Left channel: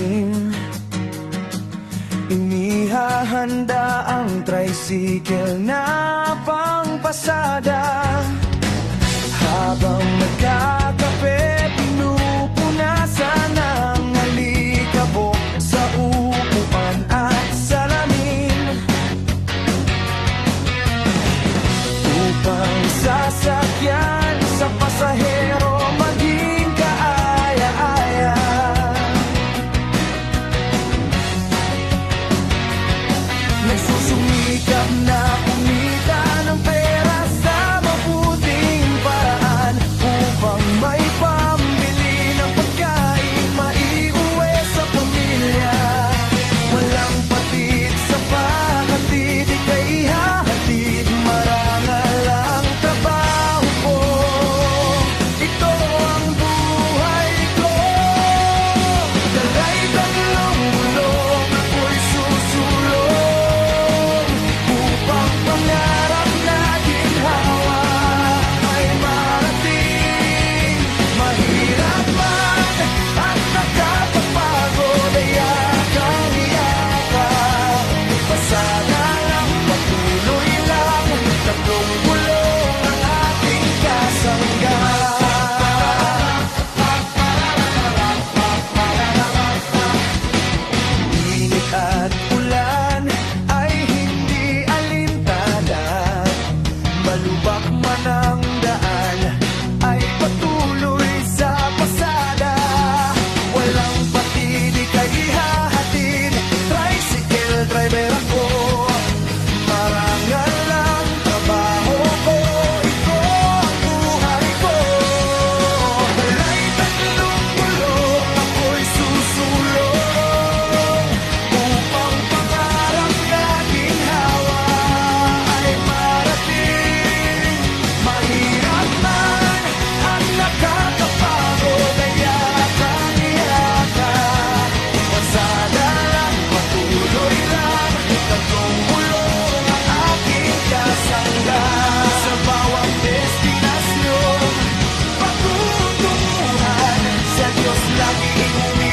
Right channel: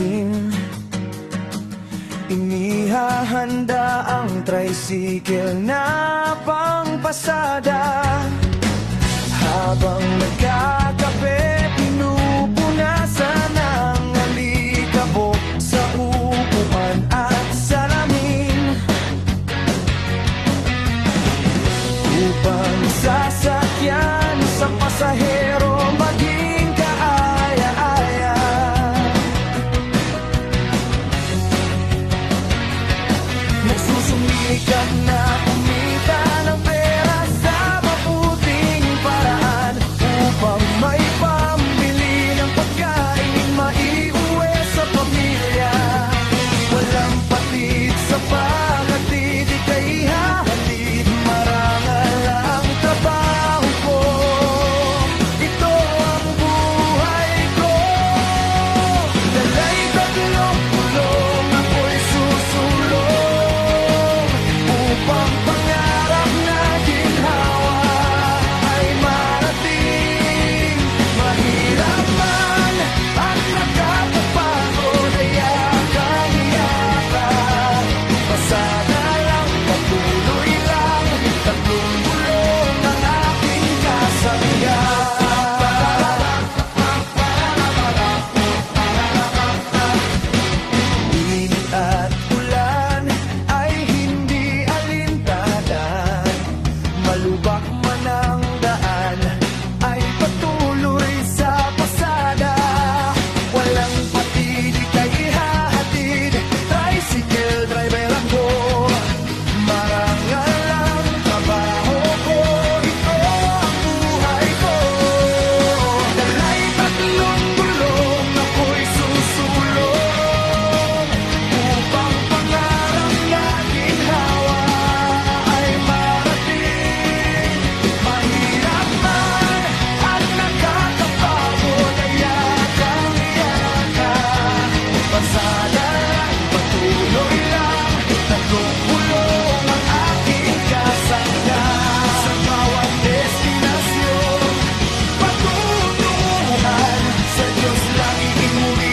alisin. Inihahanda ang tricycle na pangpasada. Habang nagkakape, pinupunasan ang alikabok sa upuan at salamin, upang sasakyan sa pasahero maging kaaya-aya. Nagsusumikap na umita ng pera sa mabuting paraan, upang may pambili ng pagkain, maiuwi sa pamilya. Walang patid sa paghatid, ika'y hahatid. Marangal ang trabaho ko, ito ang buhay ko. Dala'y tatlong gulong, ako'y susulong, upang pangarap na ginhawa ay marating. Mahirap man at nakakapagod ay yakang-yaka. Pasada lang, patuloy lang, tatlong gulong ang aking kasangga. Init at ulan ay hindi alintanan, malubak man ang daan ay patuloy sa pasada. Walang patid, ika'y ihahatid, tricycle driver ako. Marangal ang trabaho ko, ito ang buhay ko. Dala'y tatlong gulong, ako'y susulong, upang pangarap na ginhawa ay marating. Mahirap man at nakakapagod ay yakang-yaka. Pasada lang, patuloy lang, tatlong gulong ang aking kasangga. Sa bawat destinasyon, patutunguhan, sa Diyos lagi humihintay.